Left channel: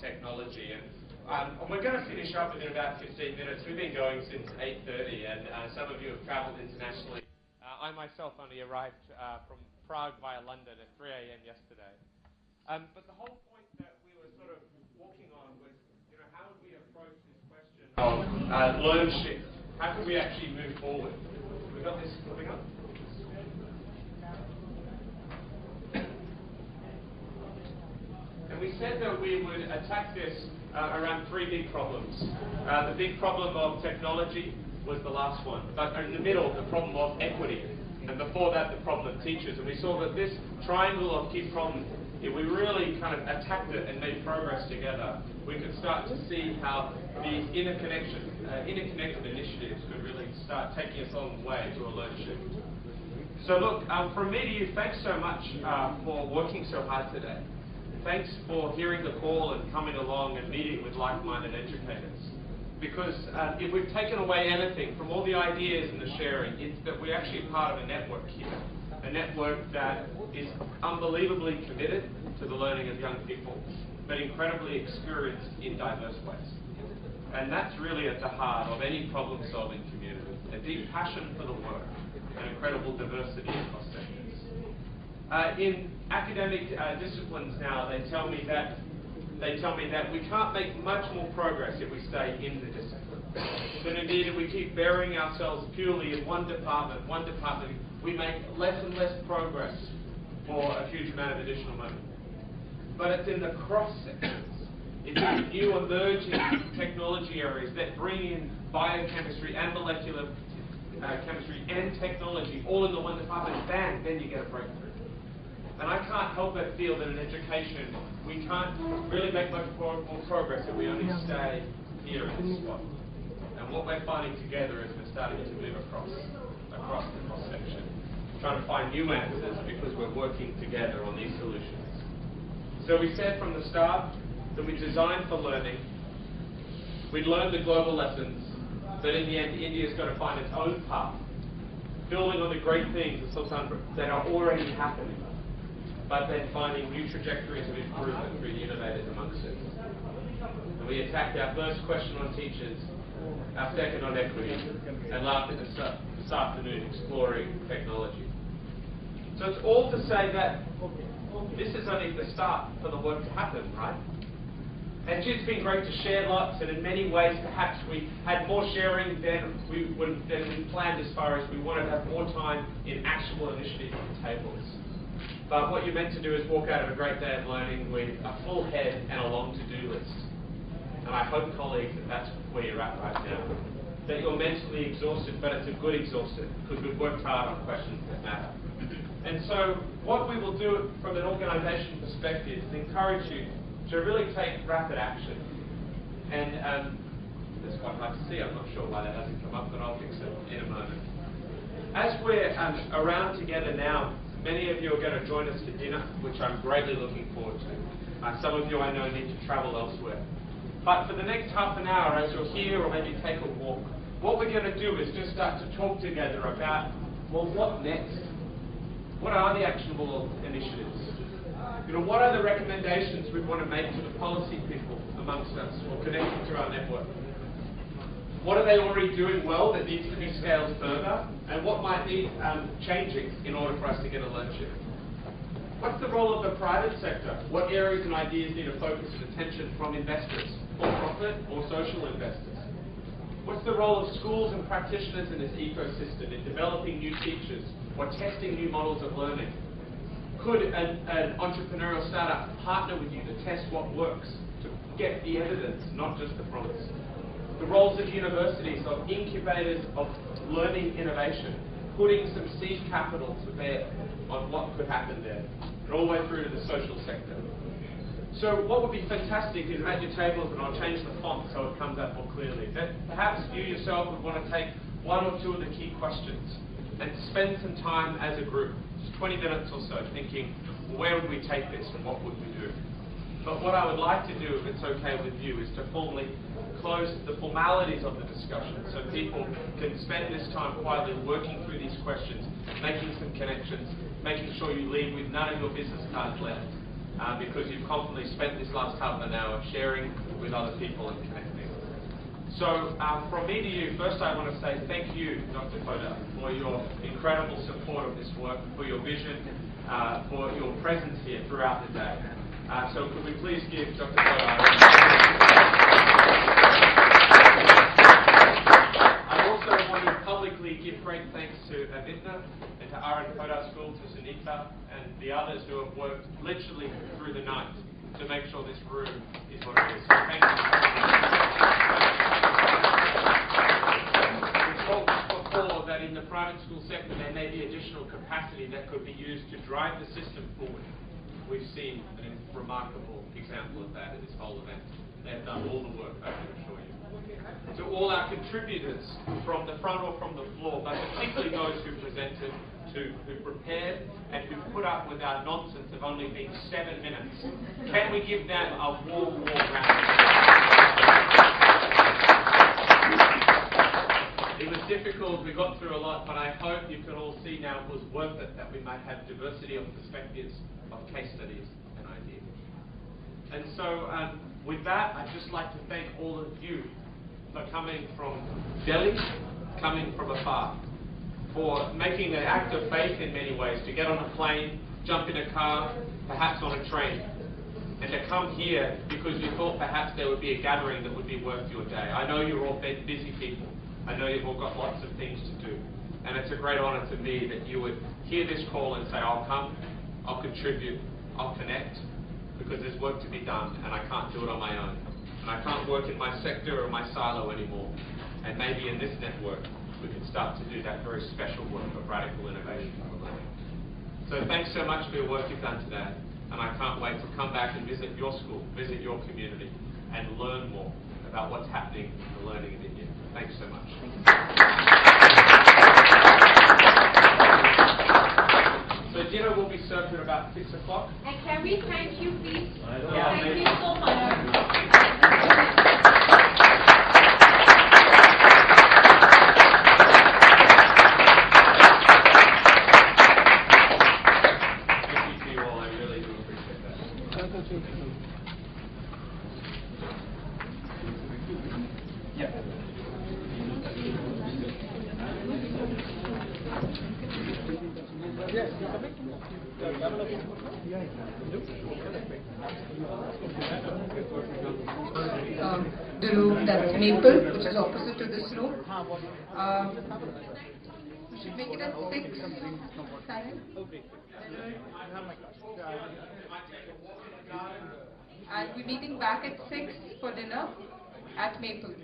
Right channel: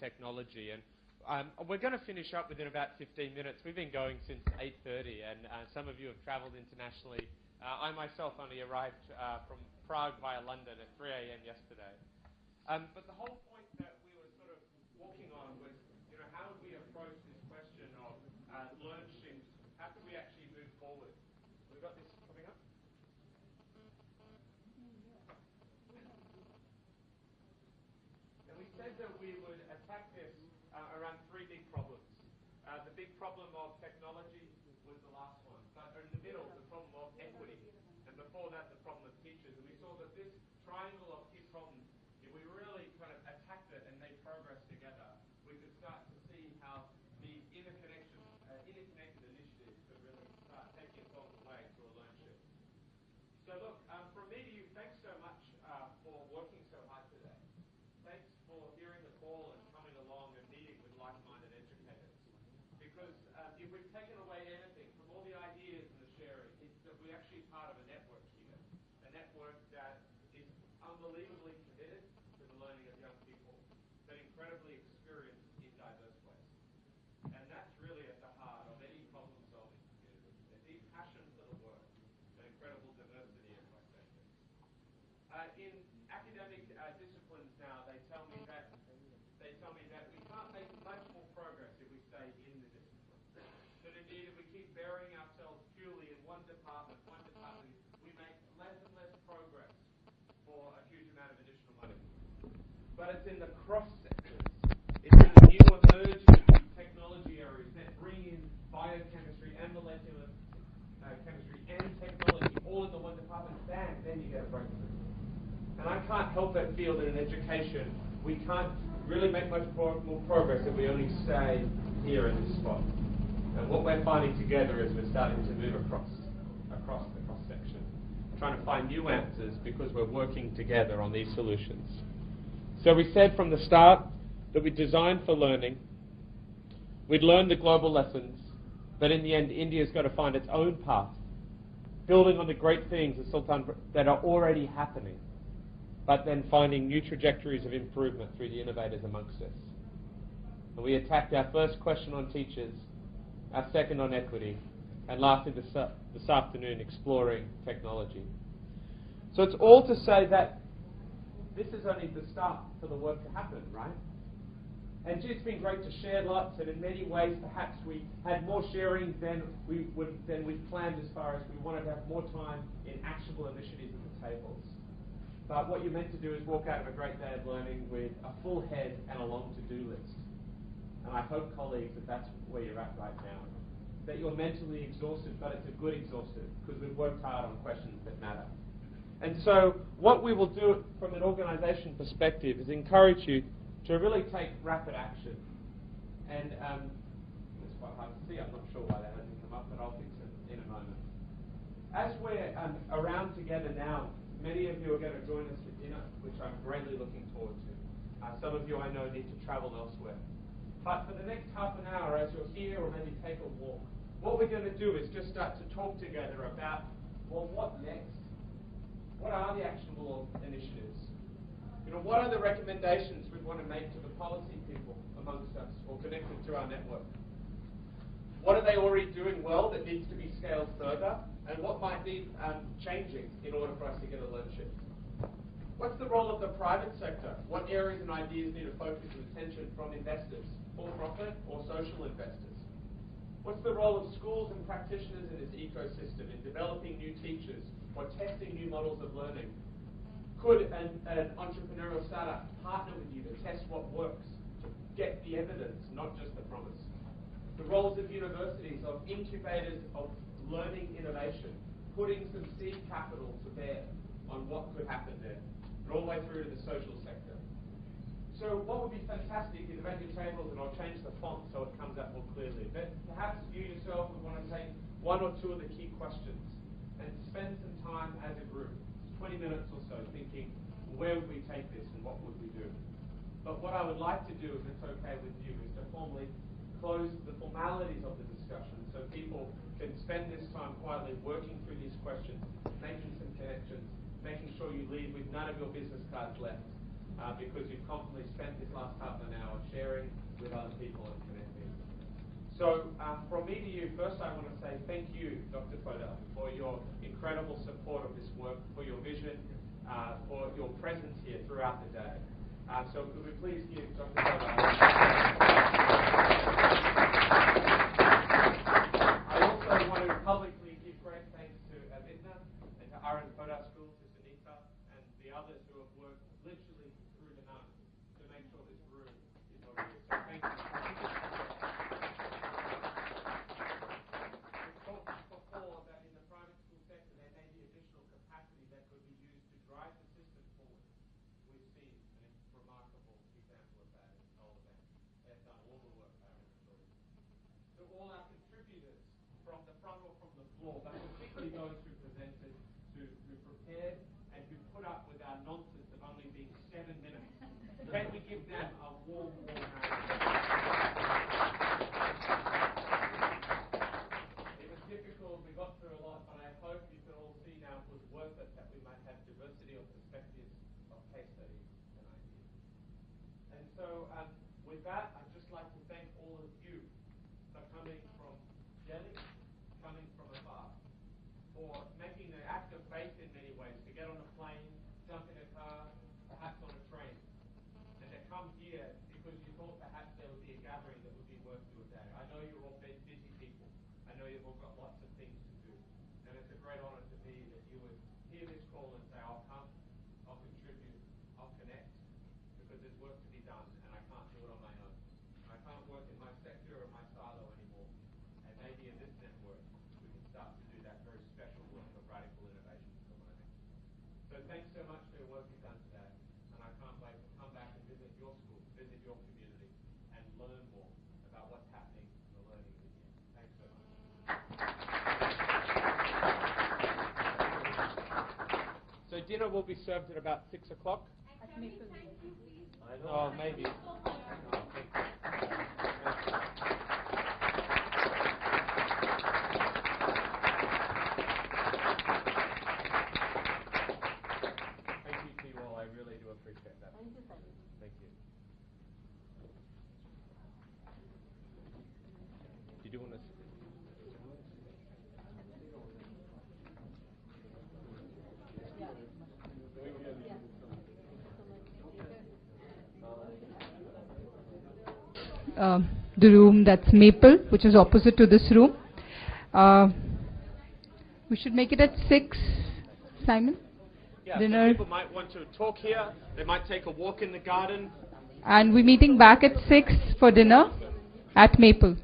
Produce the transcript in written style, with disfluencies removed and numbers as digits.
technology. And we're going to finish up within about 15 minutes. We've been going since 8:30, and some of you have travelled internationally. I myself only arrived from Prague via London at 3 a.m. yesterday. But the whole point that we were sort of walking on was, how would we approach this question of learn shift? How could we actually move forward? We got this coming up. And we said that we would attack this around three big problems. The big problem of technology was the last one. But in the middle, the problem of equity. And before that, the problem of teachers. And we saw that this triangle of key problems, if we really kind of attacked it and made progress together, we could start to see how these interconnected initiatives could really start taking us on the way to a learn shift. So look, from me to you, thanks so much for working so hard today. Thanks for hearing the call and coming along and meeting with like-minded educators. Because if we've taken away anything from all the ideas and the sharing, it's that we're actually part of a network here. A network that is unbelievably committed to the learning of young people, but incredibly experienced in diverse ways. And that's really at the heart of any problem-solving community, a deep passion for the work, and incredible diversity across sectors. In academic disciplines now, they tell me that we can't make much more progress if we stay in the discipline. That indeed, if we keep burying ourselves purely in one department, we make less and less progress for a huge amount of additional money. But it's in the cross sectors, it's in the new emerging technology areas that bring in biochemistry and molecular chemistry and technology all in the one department, bang, then you get a breakthrough. And I can't help but feel that in education, we can't really make much more progress if we only stay here in this spot. And what we're finding together is we're starting to move across the cross-section, trying to find new answers because we're working together on these solutions. So we said from the start that we designed for learning. We'd learn the global lessons, but in the end, India's got to find its own path, building on the great things that are already happening, but then finding new trajectories of improvement through the innovators amongst us. And we attacked our first question on teachers, our second on equity, and lastly this afternoon exploring technology. So it's all to say that this is only the start for the work to happen, right? And it's been great to share lots, and in many ways perhaps we had more sharing than we planned as far as we wanted to have more time in actionable initiatives on the tables. But what you're meant to do is walk out of a great day of learning with a full head and a long to-do list. And I hope, colleagues, that that's where you're at right now. That you're mentally exhausted, but it's a good exhausted, because we've worked hard on questions that matter. And so what we will do from an organisation perspective is encourage you to really take rapid action. And it's quite hard to see. I'm not sure why that hasn't come up, but I'll fix it in a moment. As we're around together now, many of you are going to join us for dinner, which I'm greatly looking forward to. Some of you I know need to travel elsewhere. But for the next half an hour, as you're here or maybe take a walk, what we're going to do is just start to talk together about, well, what next? What are the actionable initiatives? What are the recommendations we want to make to the policy people amongst us or connected to our network? What are they already doing well that needs to be scaled further? And what might need changing in order for us to get a learn shift? What's the role of the private sector? What areas and ideas need a focus and attention from investors, for-profit or social investors? What's the role of schools and practitioners in this ecosystem in developing new teachers or testing new models of learning? Could an entrepreneurial startup partner with you to test what works, to get the evidence, not just the promise? The roles of universities, of incubators of learning innovation, putting some seed capital to bear on what could happen there, and all the way through to the social sector. So what would be fantastic is at your tables, and I'll change the font so it comes out more clearly, that perhaps you yourself would want to take one or two of the key questions and spend some time as a group, just 20 minutes or so, thinking, where would we take this and what would we do? But what I would like to do, if it's okay with you, is to formally close the formalities of the discussion so people can spend this time quietly working through these questions, making some connections, making sure you leave with none of your business cards left because you've confidently spent this last half an hour sharing with other people and connecting. So from me to you, first I want to say thank you, Dr. Podar, for your incredible support of this work, for your vision, for your presence here throughout the day. So could we please give Dr. Podar I also want to publicly give great thanks to Avitna and to Aaron Podar School, to Sunita and the others who have worked literally through the night to make sure this room is what it is. So thank you. We talked before that in the private school sector there may be additional capacity that could be used to drive the system forward. We've seen a remarkable example of that in this whole event. They've done all the work, I can assure you. To all our contributors from the front or from the floor, but particularly those who presented, who prepared, and who put up with our nonsense of only being 7 minutes. Can we give them a warm, warm round? It was difficult, we got through a lot, but I hope you can all see now it was worth it, that we might have diversity of perspectives, of case studies and ideas. And so with that, I'd just like to thank all of you for coming from Delhi, coming from afar, for making an act of faith in many ways, to get on a plane, jump in a car, perhaps on a train, and to come here because you thought perhaps there would be a gathering that would be worth your day. I know you're all busy people. I know you've all got lots of things to do. And it's a great honor to me that you would hear this call and say, I'll come, I'll contribute, I'll connect, because there's work to be done and I can't do it on my own. And I can't work in my sector or my silo anymore. And maybe in this network, we can start to do that very special work of radical innovation for learning. So thanks so much for your work you've done today. And I can't wait to come back and visit your school, visit your community, and learn more about what's happening in the learning in India. Thanks so much. So dinner will be served at about 6 o'clock. And can we thank you, please? Yeah, thank you so much. The room that's Maple, which is opposite to this room. We should make it at 6, Simon? Yeah, Dinner. People might want to talk here. They might take a walk in the garden. And we're meeting back at 6 for dinner at Maple.